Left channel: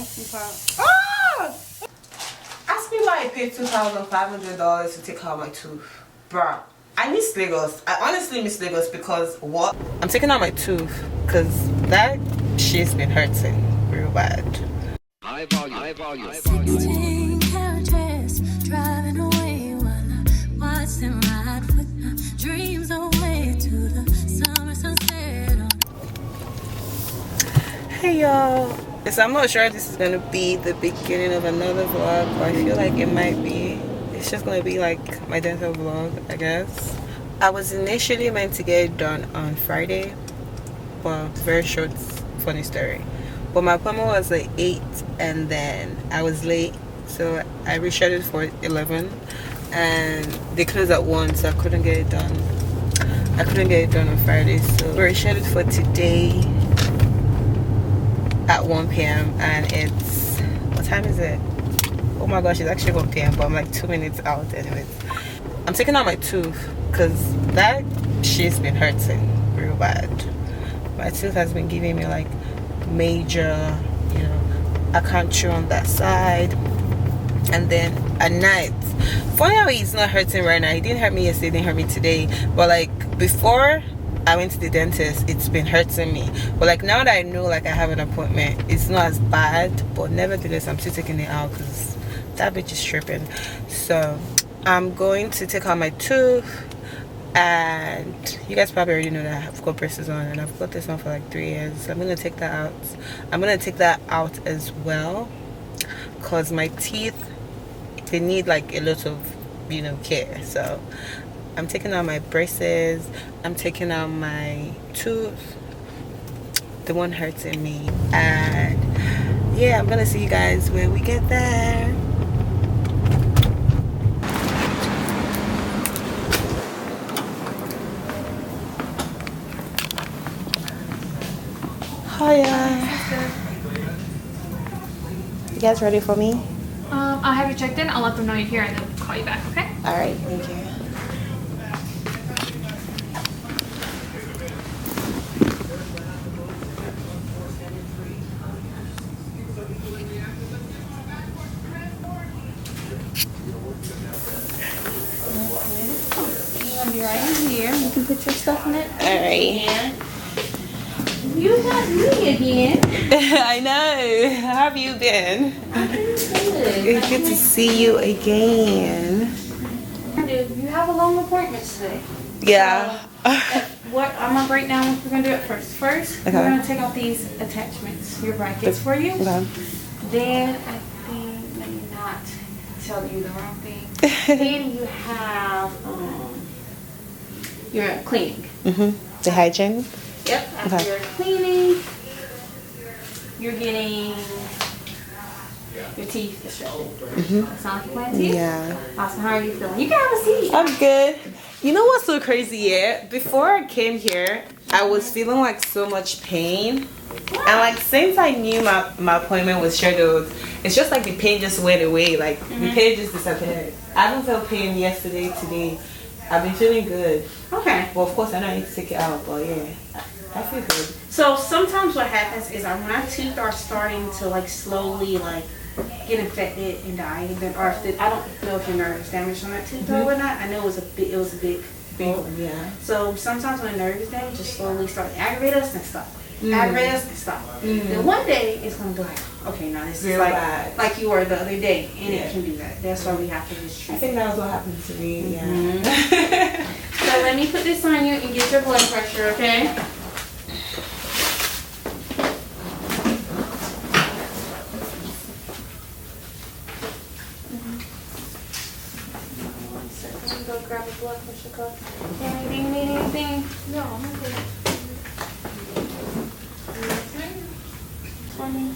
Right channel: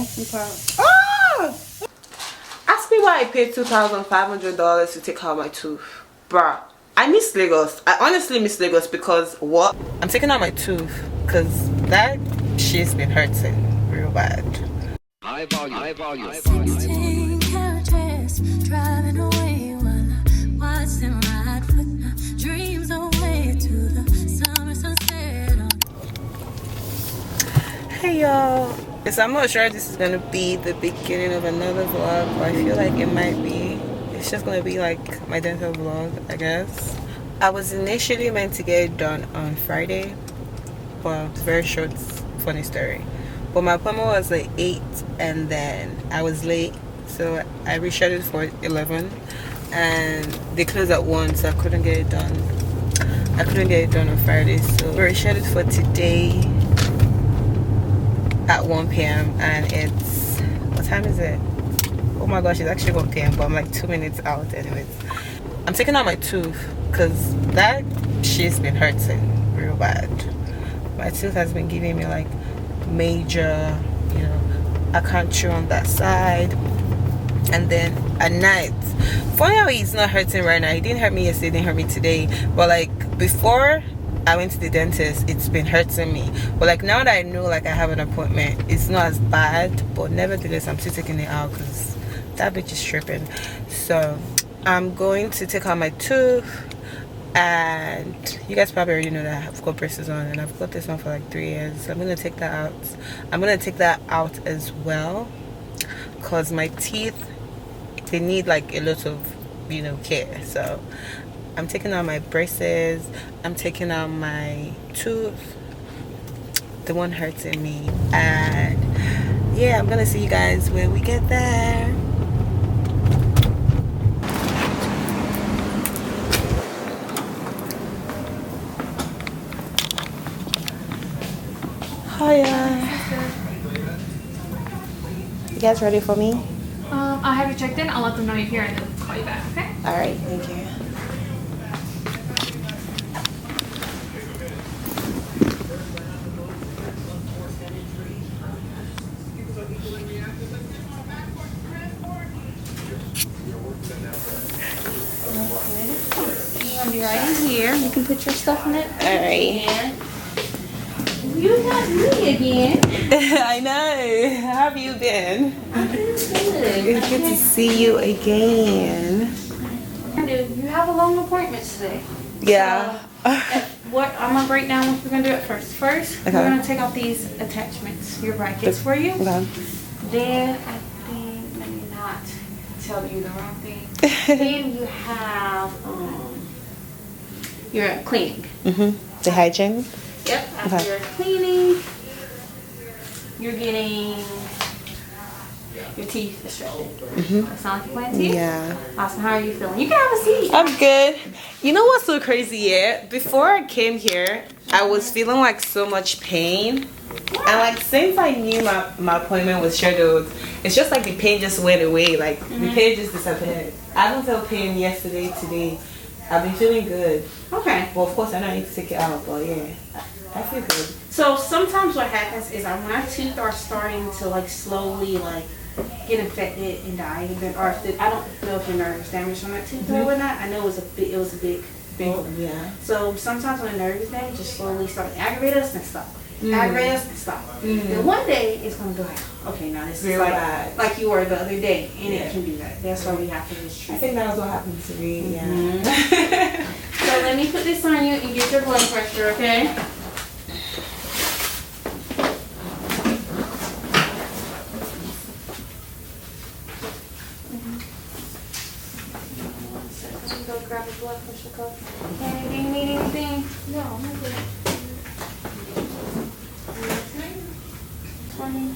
No, I'm proud. Ah! Ask me why I paid $2,500 to take out my tooth. Bruh, I miss Lagos. I honestly miss Lagos because what? I'm taking out my tooth because that shit's been hurting real bad. High volume. 16 carriages driving away while I watch them ride with my dreams away to the summer sunset. Hey y'all. So I'm not sure this is gonna be the beginning of another vlog, but I feel like it might be. It's just gonna be like my dental vlog, I guess. I was initially meant to get it done on Friday. Well, it's very short, funny story. But my appointment was like 8 and then I was late, so I rescheduled for 11 and they closed at 1, so I couldn't get it done. I couldn't get it done on Friday, so we're rescheduled for today at 1 p.m. and it's, what time is it? Oh my gosh, it's actually 1 p.m. but I'm like 2 minutes out anyways. I'm taking out my tooth because that shit's been hurting real bad. My tooth has been giving me like major, you know, I can't chew on that side, and then at night, funny how it's not hurting right now. It didn't hurt me yesterday, it didn't hurt me today, but like before I went to the dentist, it's been hurting me. But like now that I know like I have an appointment, it's not as bad, but nevertheless I'm still taking it out because that bitch is tripping. So I'm going to take out my tooth, and you guys probably already know that I've got braces on and I've got this on for like 3 years, so I'm gonna take that out. I'm gonna take that out as well because my teeth, they need like a lot of, you know, care. So I'm taking out my braces, I'm taking out my tooth, the one hurting me, and yeah, I'm gonna see you guys when we get there. Hiya. You guys ready for me? I'll have you checked in. I'll let them know you're here and then call you back, okay? Alright, thank you. I'll be right in here. You can put your stuff in it. Alright. You got me again. I know. How have you been? I'm good. It's good to see you again. You have a long appointment today. Yeah. What I'm gonna break down what we're gonna do at first. First, Okay. we're gonna take off these attachments, your brackets for you. Okay. Then I think, let me not tell you the wrong thing. Then you have your cleaning. The hygiene? Yep. After Okay. your cleaning, you're getting your teeth straightened. That sound like you plan to? Yeah. Awesome. How are you feeling? You can have a seat. I'm good. You know what's so crazy? Yeah, before I came here, I was feeling like so much pain. And like since I knew my appointment was scheduled, it's just like the pain just went away. Like the pain just disappeared. I haven't felt pain yesterday, today. I've been feeling good. Okay. Well, of course I know I need to take it out, but yeah, I feel good. So sometimes what happens is when our teeth are starting to like slowly like get infected and die, or if I don't know if your nerve is damaged on that tooth or whatnot. I know it was a big one. Yeah. So sometimes when a nerve is damaged, just slowly start to aggravate us and stop. Aggravate us and stop. Then one day it's gonna be like, okay, now this is Real bad. like you were the other day, and Yeah. it can do that. That's why we have to just I treat. think that was what happened to me. Yeah. So let me put this on you and get your blood pressure, okay? Let me go grab a blood pressure cup. Do you need anything? No, I'm okay. 20.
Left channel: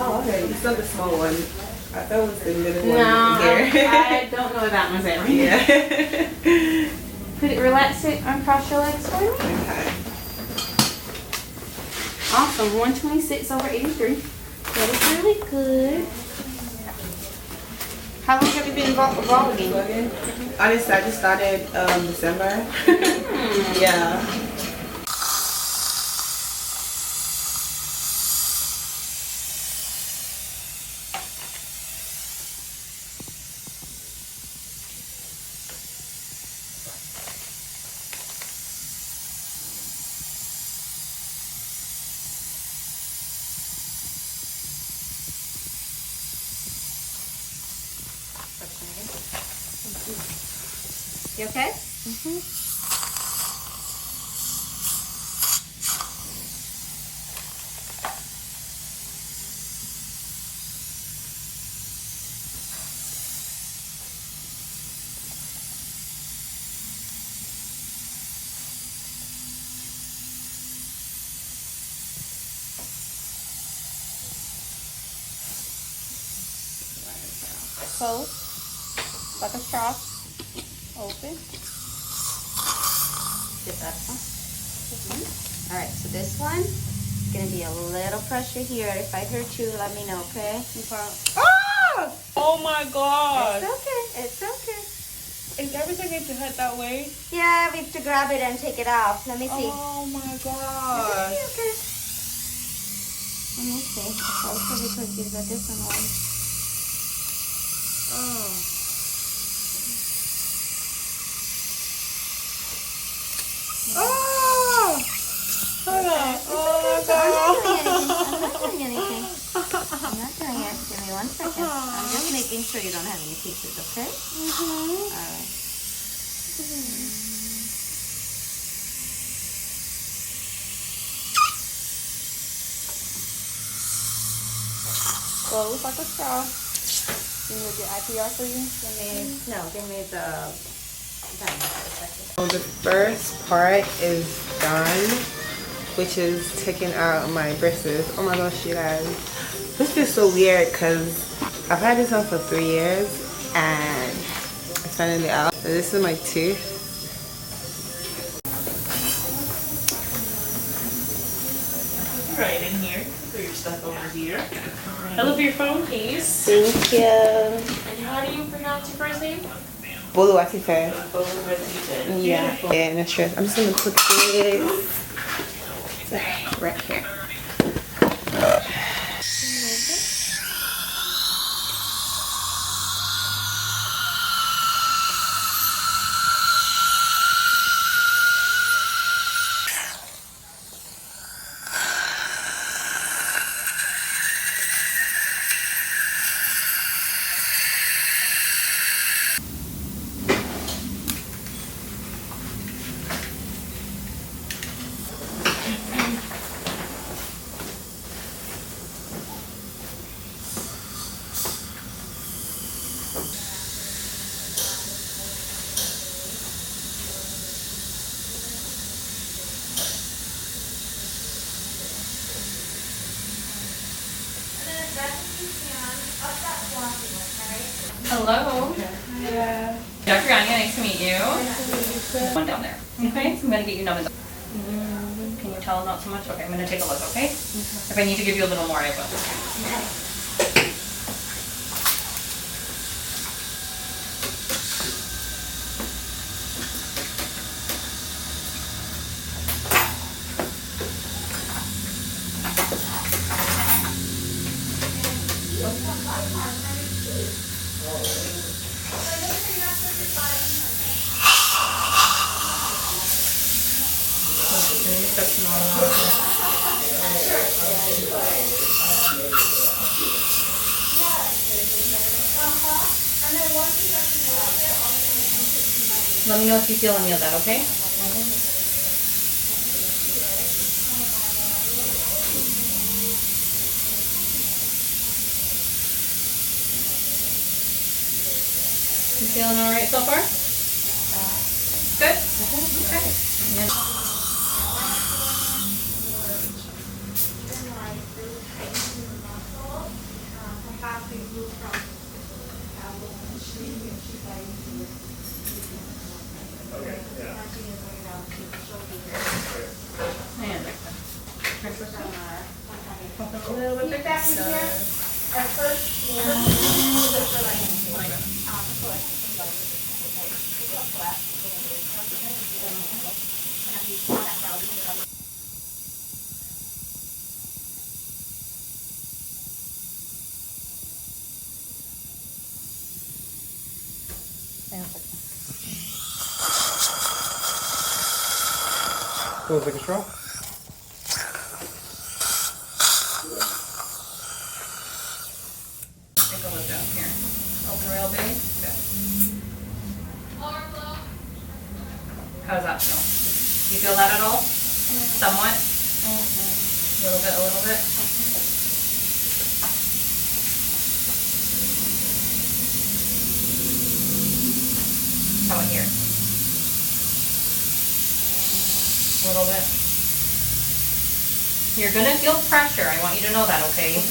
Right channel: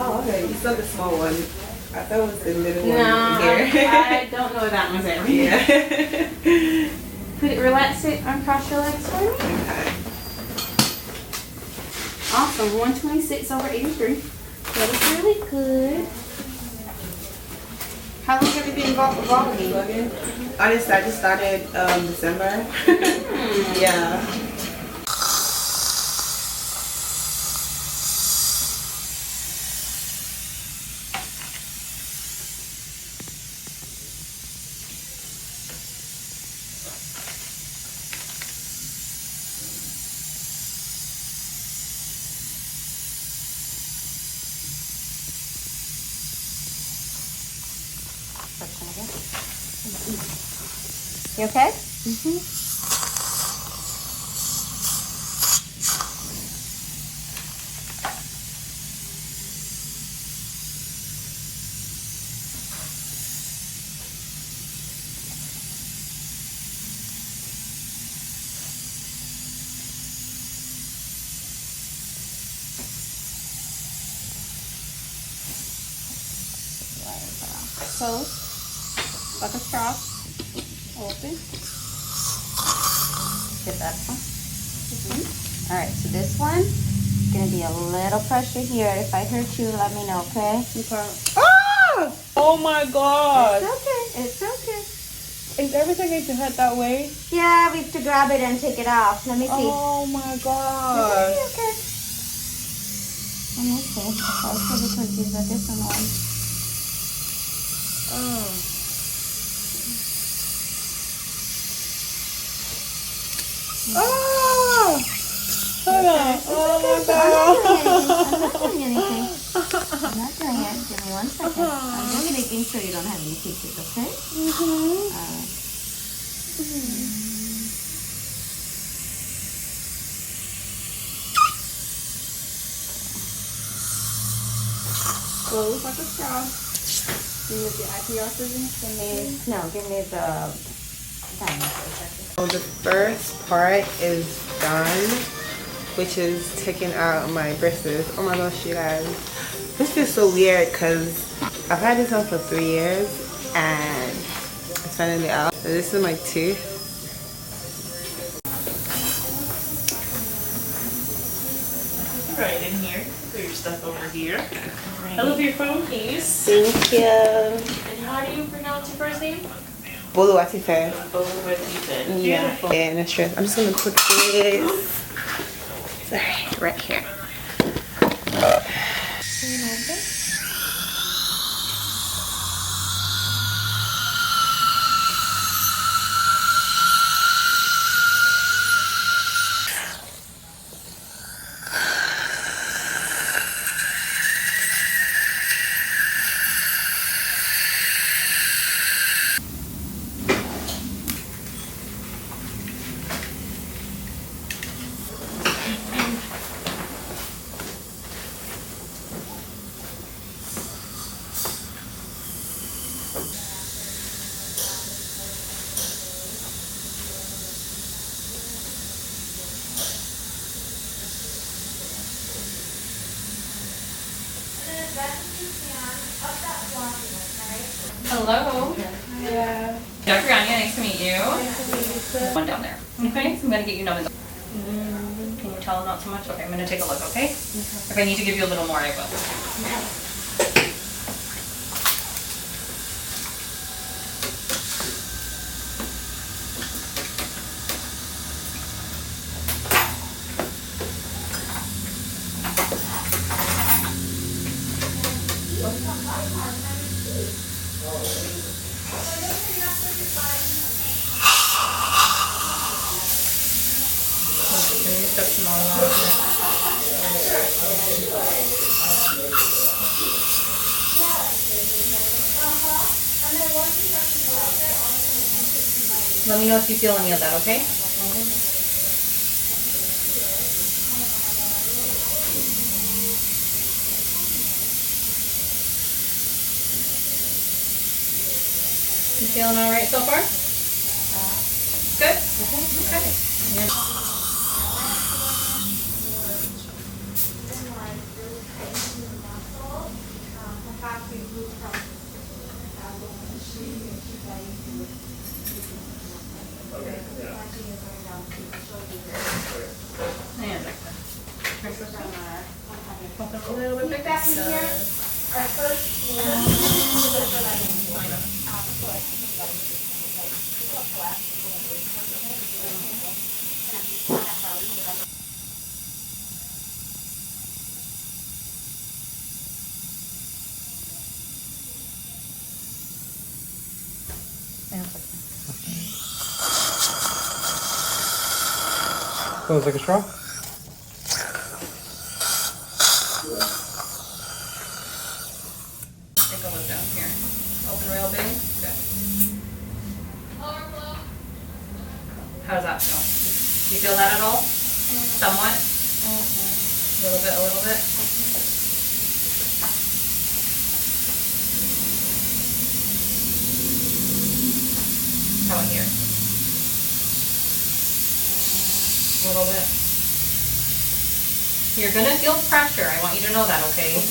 Oh, okay. You saw the small one. I thought it was the middle one. No, Here. I don't know where that one's at. Yeah. Put it, relax it, uncross your legs for me. Okay. Awesome, 126 over 83. That is really good. How long have you been involved with vlogging? Honestly, I just started December. Yeah. You okay? Close. Got the straw. Okay. Get that one. Alright, so this one, gonna be a little pressure here. If I hurt you, let me know, okay? Ah! Oh my god! It's okay. It's okay. Is everything going to hurt that way? Yeah, we have to grab it and take it off. Let me see. Oh my god! Okay. Let me see. Also because these are different ones. Oh. Oh! Hold on. Oh my god! I'm not doing anything. I'm not doing it. Give me 1 second. I'm just making sure you don't have any pieces, okay? Alright. Close up the straw. Do you with the antioxidants? No, give me the... So the first part is done, which is taking out my bristles. Oh my gosh, you guys. This feels so weird because I've had this on for 3 years and it's finally out. So this is my tooth. Right in here. Put your stuff over here. I love your phone case. Thank you. And how do you pronounce your first name? Boluwatife. Boluwatife. Yeah. Beautiful. Yeah, no stress. I'm just gonna put this right here. Hello. Yeah. Dr. Anya, nice to meet you. One down there. Okay, so I'm going to get you numbing. Can you tell not so much? Okay, I'm going to take a look, okay? If I need to give you a little more, I will. Let me know if you feel any of that, okay? You feeling all right so far? Good? Okay. Yeah. And like that. A little bit back in here. Our Feels like a straw? Take a look down here. Open real big. Good. How does that feel? You feel that at all? Somewhat? A little bit, a little bit? How about here? A little bit. You're gonna feel pressure. I want you to know that, okay?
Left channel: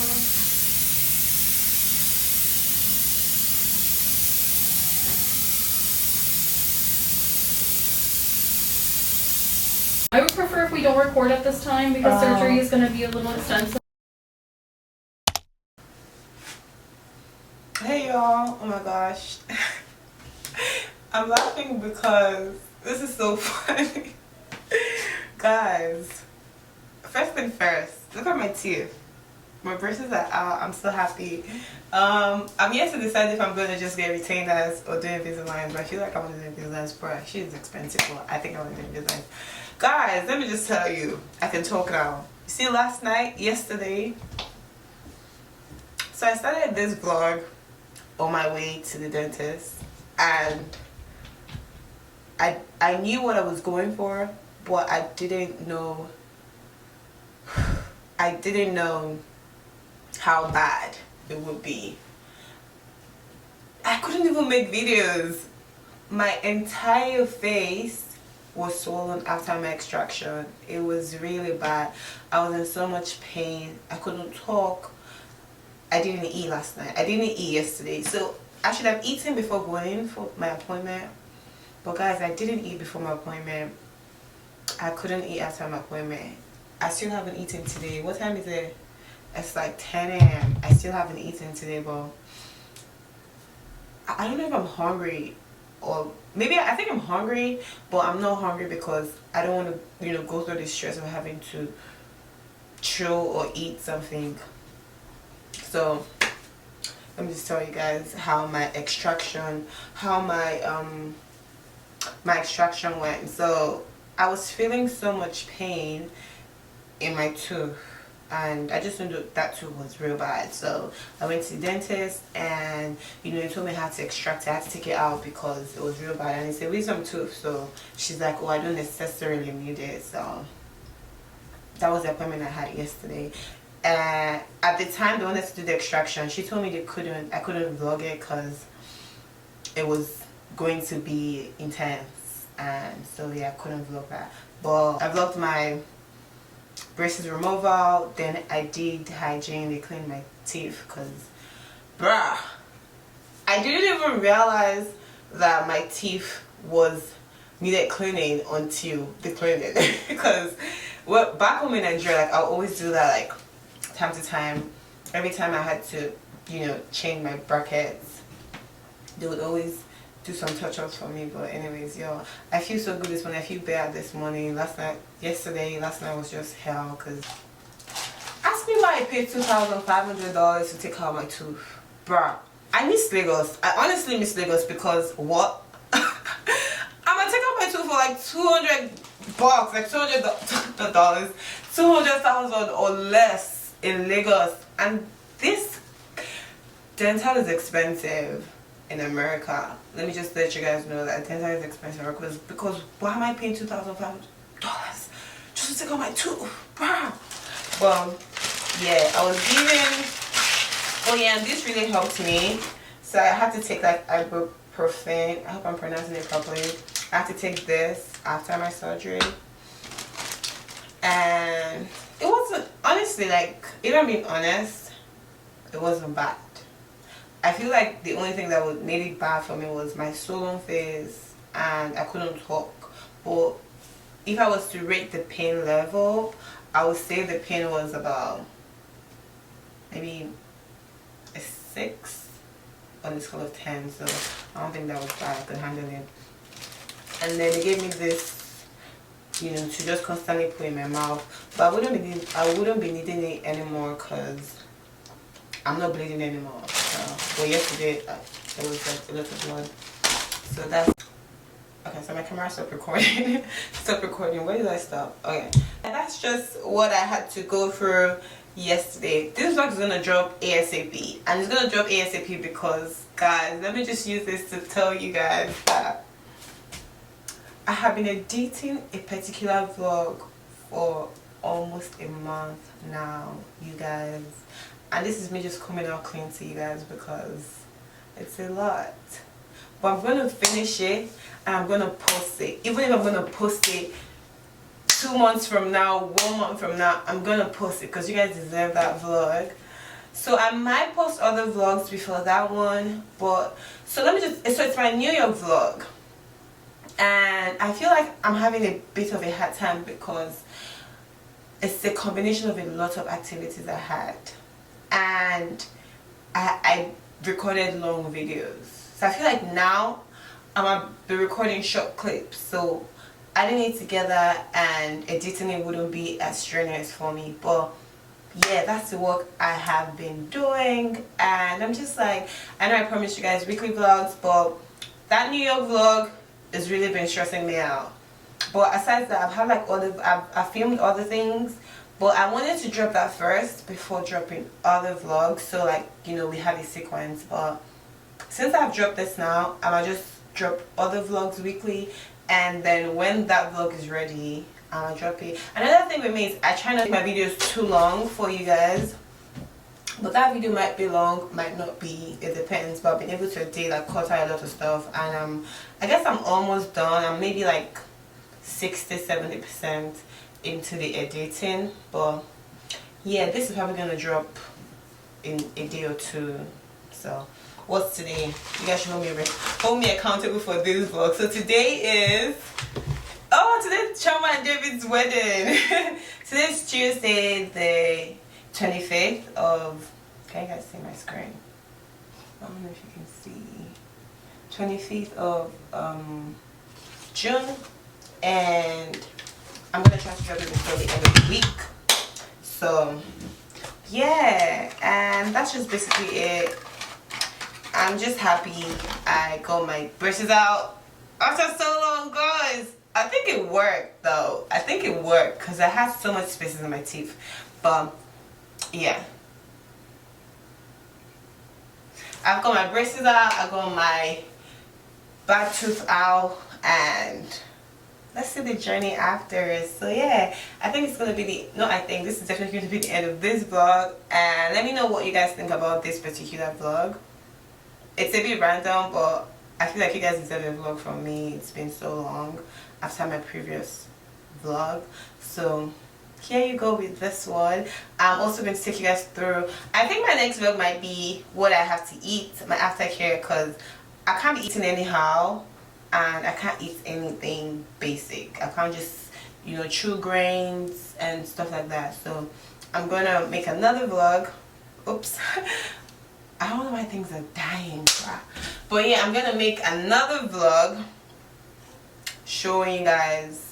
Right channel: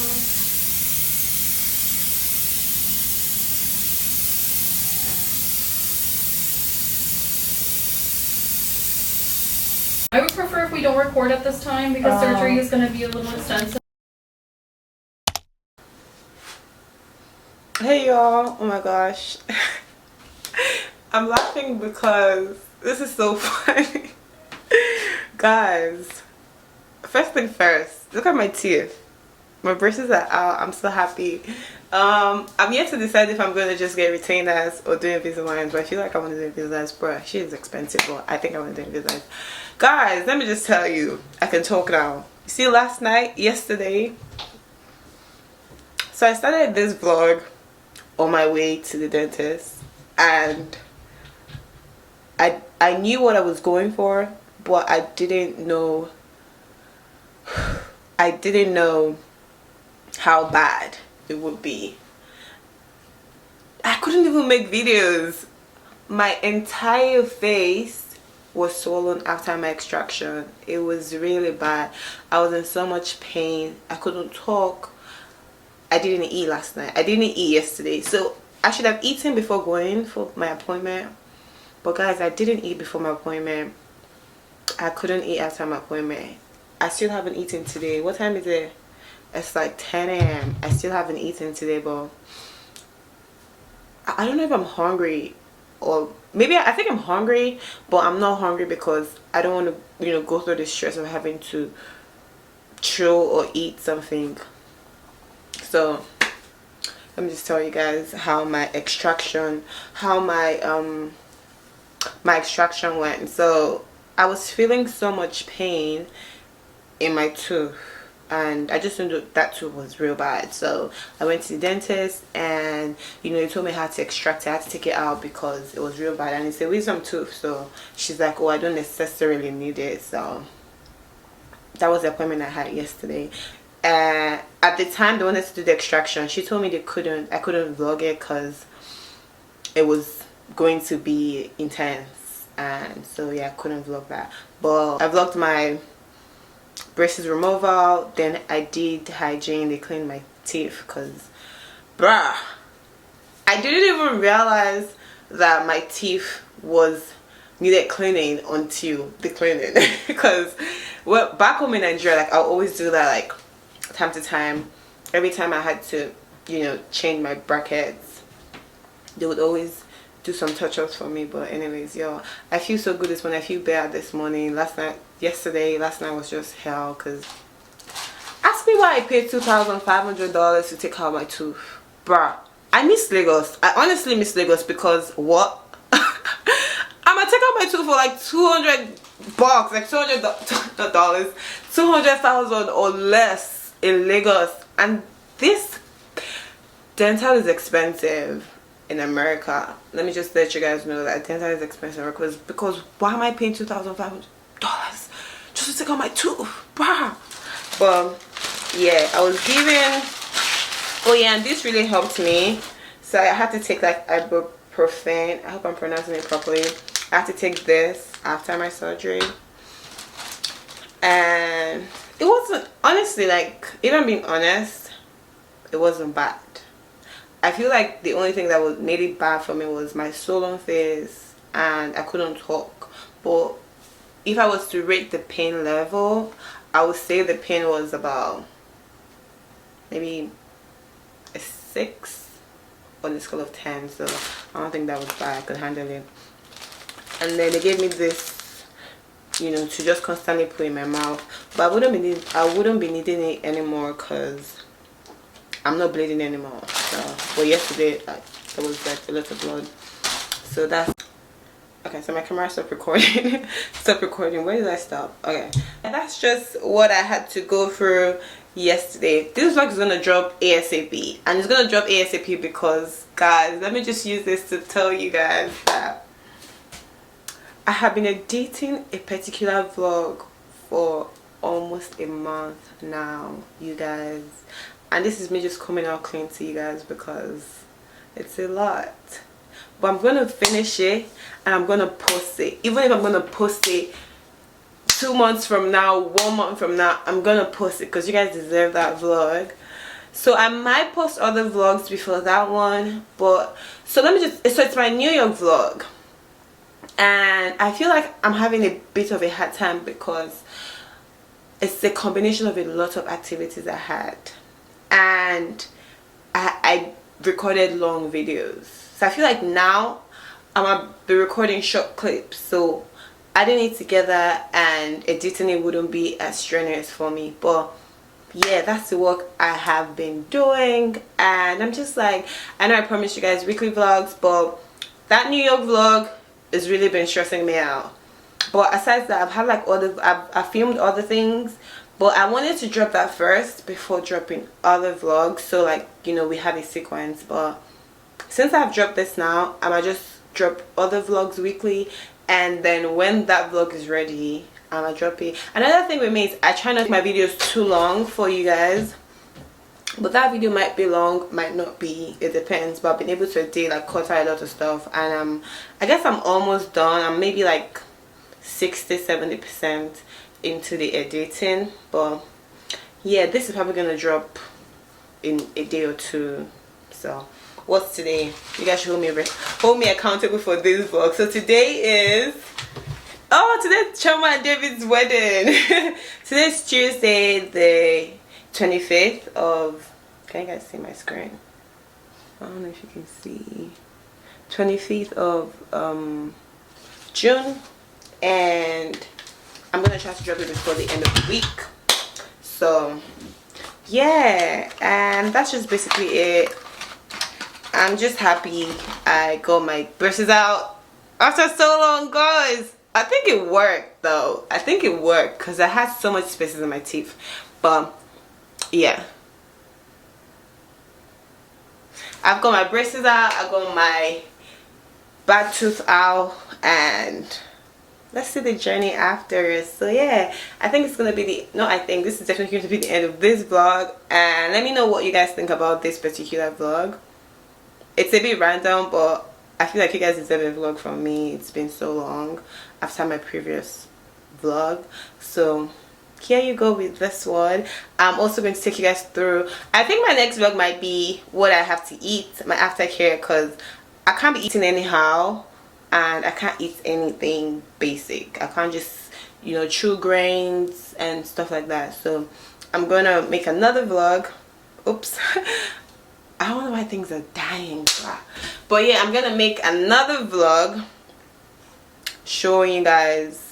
I would prefer if we don't record at this time because surgery is gonna be a little extensive. Hey y'all, oh my gosh. I'm laughing because this is so funny. Guys, first thing first, look at my teeth. My braces are out. I'm so happy. I'm yet to decide if I'm going to just get retainers or do Invisalign, but I feel like I want to do Invisalign. Bro, she is expensive, but I think I want to do Invisalign. Guys, let me just tell you, I can talk now. See, last night, yesterday, so I started this vlog on my way to the dentist, and I knew what I was going for, but I didn't know how bad it would be. I couldn't even make videos. My entire face was swollen after my extraction. It was really bad. I was in so much pain. I couldn't talk. I didn't eat last night. I didn't eat yesterday. So I should have eaten before going for my appointment. But guys, I didn't eat before my appointment. I couldn't eat after my appointment. I still haven't eaten today. What time is it? It's like 10 a.m. I still haven't eaten today, but I don't know if I'm hungry, or maybe I think I'm hungry, but I'm not hungry because I don't want to, go through the stress of having to chew or eat something. So let me just tell you guys how my extraction went. So I was feeling so much pain in my tooth, and I just knew that tooth was real bad. So I went to the dentist, and he told me how to extract it. I had to take it out because it was real bad, and it's a wisdom tooth. So she's like, oh, I don't necessarily need it. So that was the appointment I had yesterday. At the time they wanted to do the extraction, she told me I couldn't vlog it because it was going to be intense, and so yeah, I couldn't vlog that. But I vlogged my braces removal, then I did hygiene. They cleaned my teeth because bruh, I didn't even realize that my teeth needed cleaning until the cleaning. Because back home in Nigeria, like I always do that, like time to time. Every time I had to change my brackets, they would always do some touch-ups for me. But anyways, yo, I feel so good this morning. I feel bad this morning. Last night was just hell. Because ask me why I paid $2,500 to take out my tooth. Bruh, I miss Lagos. I honestly miss Lagos because what? I'm gonna take out my tooth for like $200, like $200, 200,000 or less in Lagos. And this dental is expensive in America. Let me just let you guys know that dental is expensive because why am I paying $2,500 just to take out my tooth, bruh? Well, yeah, I was given. Oh yeah, and this really helped me. So I had to take like ibuprofen. I hope I'm pronouncing it properly. I had to take this after my surgery, and it wasn't, honestly, like, if I'm being honest, it wasn't bad. I feel like the only thing that made it bad for me was my swollen face, and I couldn't talk. But if I was to rate the pain level, I would say the pain was about maybe a 6 on the scale of 10. So I don't think that was bad. I could handle it. And then they gave me this, to just constantly put in my mouth. But I wouldn't be needing it anymore because I'm not bleeding anymore. So, but yesterday there was like a lot of blood. So that's okay. So my camera stopped recording. Stop recording. Where did I stop? Okay. And that's just what I had to go through yesterday. This vlog is gonna drop ASAP, and it's gonna drop ASAP because, guys, let me just use this to tell you guys that I have been editing a particular vlog for almost a month now, you guys, and this is me just coming out clean to you guys because it's a lot. But I'm gonna finish it and I'm gonna post it. Even if I'm gonna post it 2 months from now, 1 month from now, I'm gonna post it because you guys deserve that vlog. So I might post other vlogs before that one, but so let me just, so it's my New York vlog, and I feel like I'm having a bit of a hard time because it's a combination of a lot of activities I had, and I recorded long videos. So I feel like now I'm gonna be recording short clips, so adding it together and editing it wouldn't be as strenuous for me. But yeah, that's the work I have been doing, and I'm just like, I know I promised you guys weekly vlogs, but that New York vlog has really been stressing me out. But aside that, I've had like I filmed other things, but I wanted to drop that first before dropping other vlogs, so like, you know, we have a sequence. But since I've dropped this now, I might just drop other vlogs weekly, and then when that vlog is ready, I'm gonna drop it. Another thing with me is I try not to make my videos too long for you guys, but that video might be long, might not be, it depends. But I've been able to edit, like cut out a lot of stuff, and I guess I'm almost done. I'm maybe like 60-70% into the editing. But yeah, this is probably gonna drop in a day or two. So what's today? You guys should hold me accountable for this vlog. So today is, oh, today's Choma and David's wedding. Today's Tuesday, the 25th of, can you guys see my screen? I don't know if you can see. 25th of June, and I'm gonna try to drop it before the end of the week. So yeah, and that's just basically it. I'm just happy I got my brushes out after so long, guys. I think it worked though. I think it worked because I had so much spaces in my teeth. But yeah, I've got my braces out, I got my back tooth out, and let's see the journey after. So yeah, I think it's gonna be this is definitely going to be the end of this vlog, and let me know what you guys think about this particular vlog. It's a bit random, but I feel like you guys deserve a vlog from me. It's been so long after my previous vlog, so here you go with this one. I'm also going to take you guys through, I think my next vlog might be what I have to eat, my aftercare, because I can't be eating anyhow, and I can't eat anything basic. I can't just, you know, chew grains and stuff like that. So I'm gonna make another vlog. Oops. I don't know why things are dying, but yeah, I'm gonna make another vlog showing you guys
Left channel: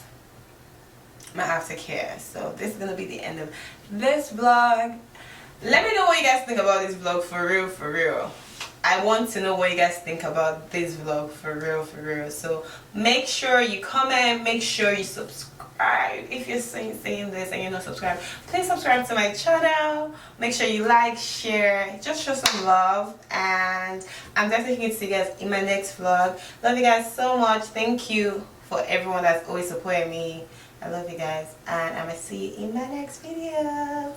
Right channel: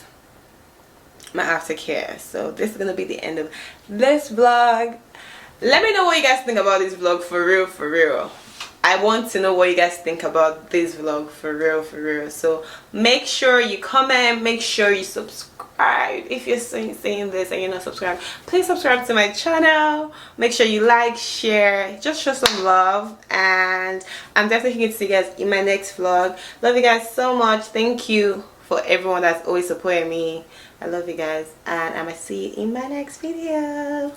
my aftercare. So this is gonna be the end of this vlog. Let me know what you guys think about this vlog, for real. I want to know what you guys think about this vlog, for real. So make sure you comment, make sure you subscribe. If you're seeing this and you're not subscribed, please subscribe to my channel. Make sure you like, share, just show some love, and I'm definitely going to see you guys in my next vlog. Love you guys so much. Thank you for everyone that's always supporting me. I love you guys, and I'm gonna see you in my next video.